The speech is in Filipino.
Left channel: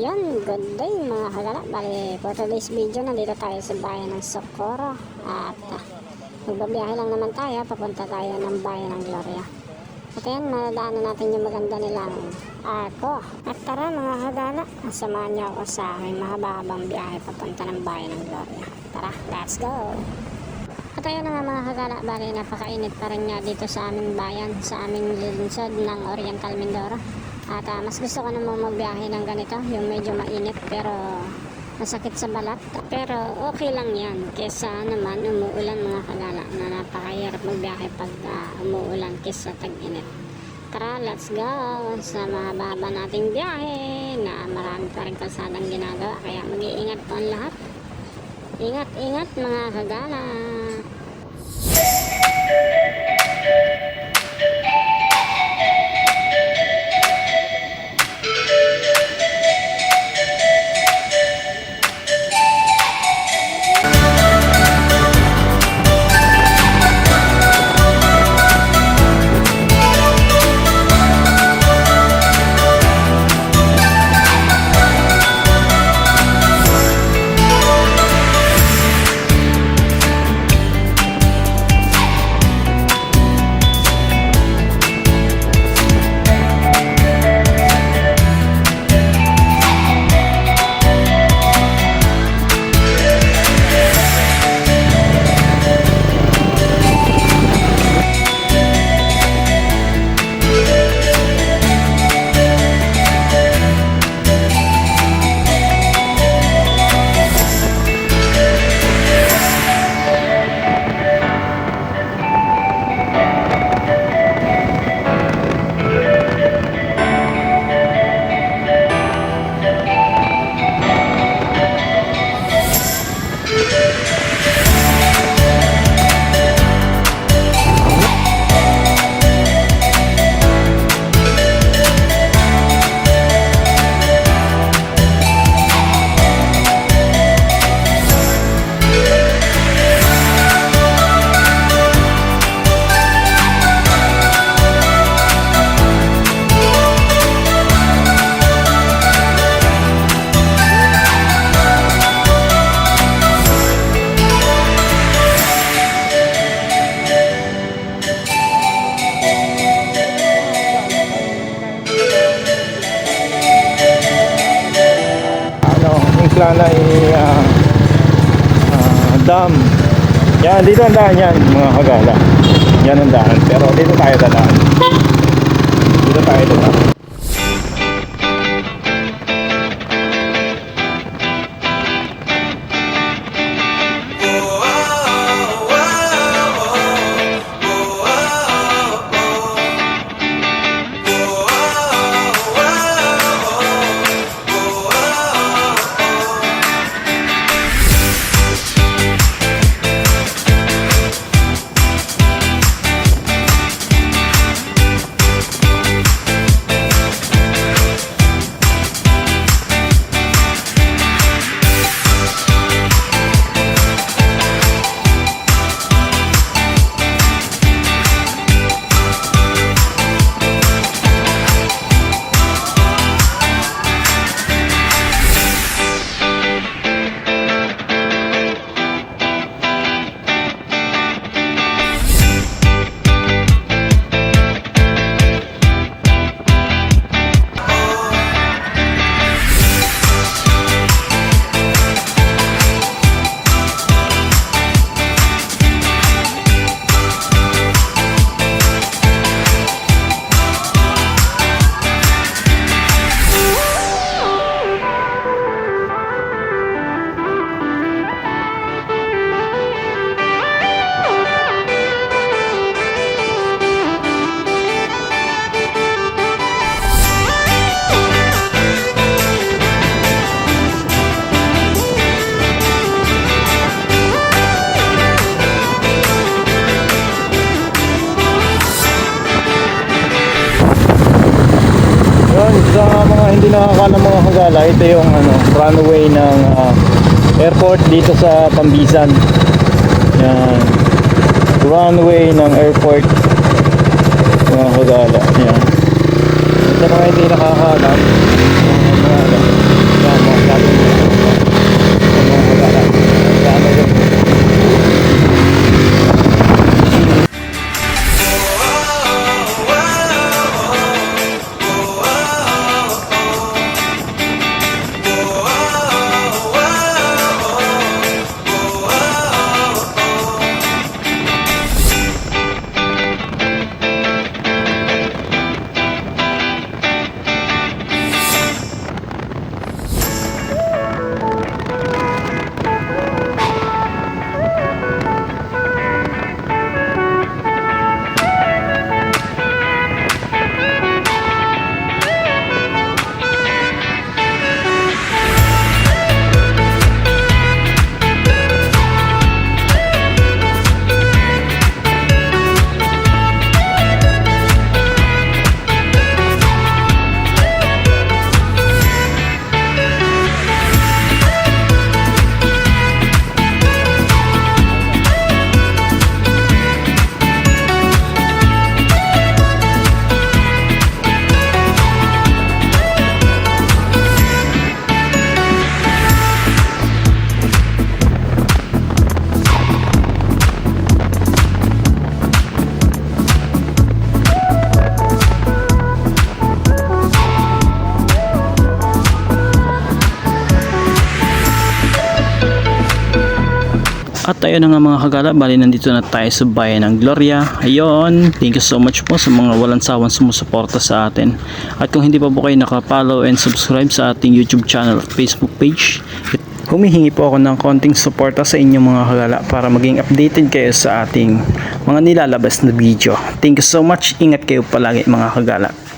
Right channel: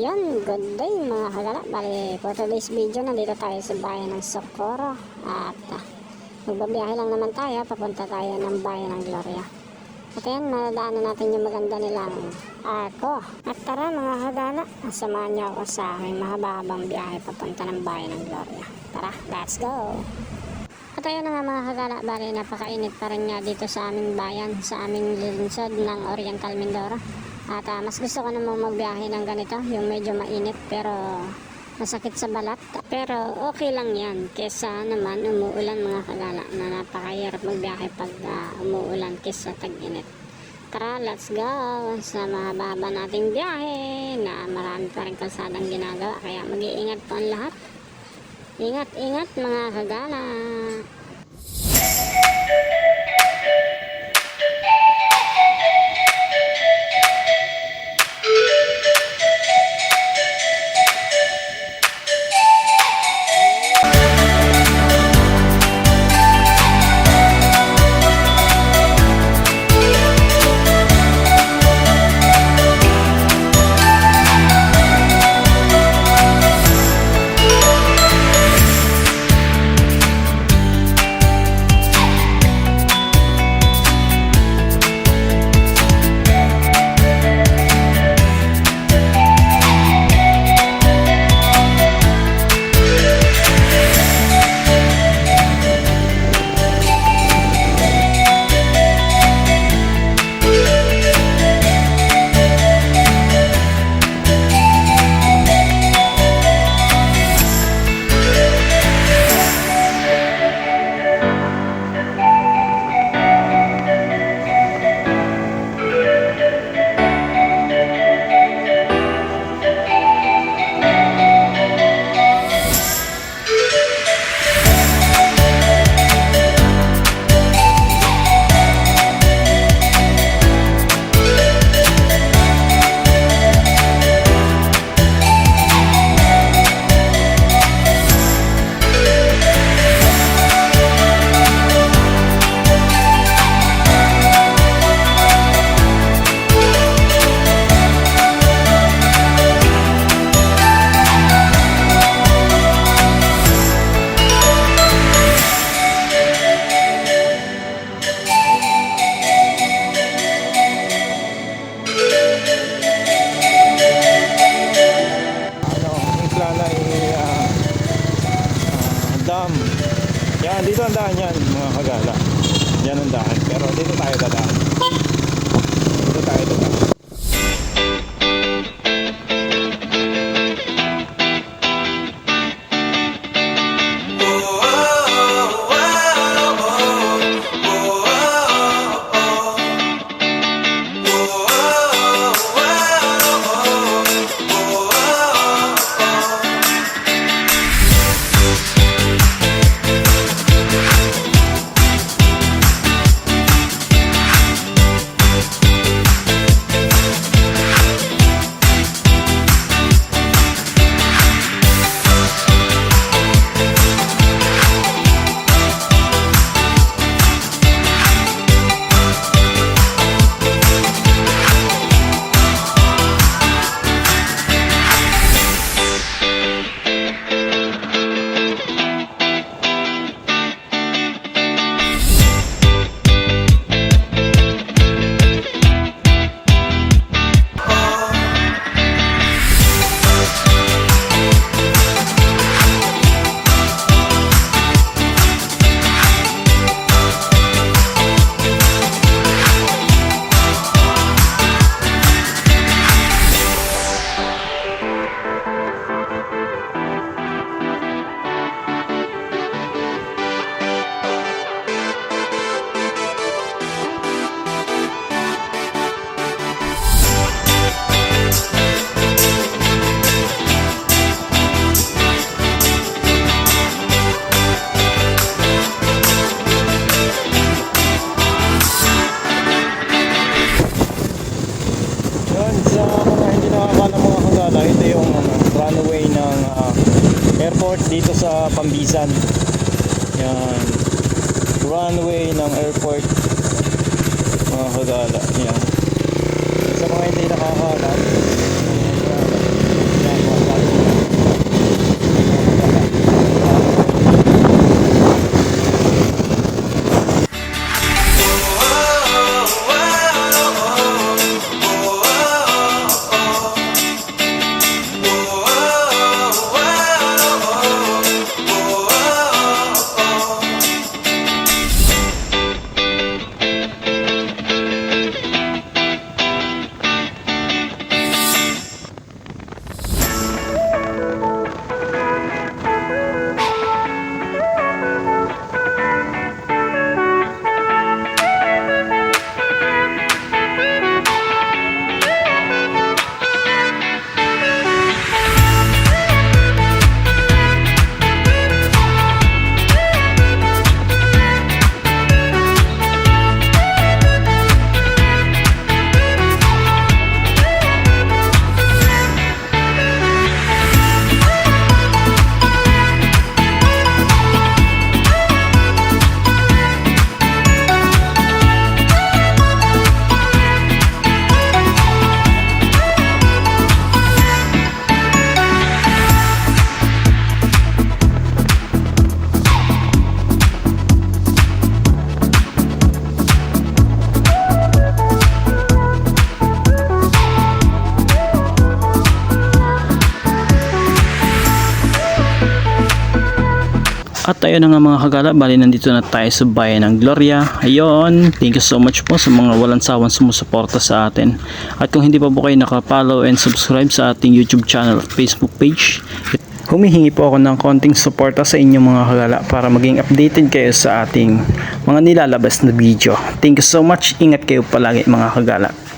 Yun, good day mga kagala. Bali, for today's video, nandito tayo sa bayan ng Socorro. At ah, magbabiyahe lang naman tayo, papunta tayo ng bayan ng Gloria. At ayan, madadaanan natin yung maganda nilang arko. At tara mga kagala, samahan niyo ako sa aking mahaba-habang biyahe papunta ng bayan ng Gloria. Tara, let's go! At ayun na nga mga kagala, bali napakainit pa rin nga dito sa aming bayan, sa aming lungsod ng Oriental Mindoro. At ah, mas gusto ko namang magbiyahe ng ganito, yung medyo mainit pero masakit sa balat. Pero okay lang yan, kesa naman umuulan mga kagala na napakahirap magbiyahe pag ah, umuulan kesa tag-init. Tara, let's go sa mahaba nating biyahe na marami pa rin kalsadang ginagawa kaya mag-iingat po ang lahat. Ingat, ingat mga kagala. Yan, dito ang daan yan, mga kagala. Yan ang daan. Pero dito tayo dadaan. Dito tayo dadaan. Dito sa Pambisan. Yan. Runway ng airport mga kagala. Yan. Sa mga hindi nakakalam, At ayun nga mga kagala, bali nandito na tayo sa bayan ng Gloria. Ayun, thank you so much po sa mga walang sawang sumusuporta sa atin. At kung hindi pa po kayo nakapollow and subscribe sa ating YouTube channel at Facebook page, humihingi po ako ng konting suporta sa inyong mga kagala para maging updated kayo sa ating mga nilalabas na video. Thank you so much. Ingat kayo palagi mga kagala.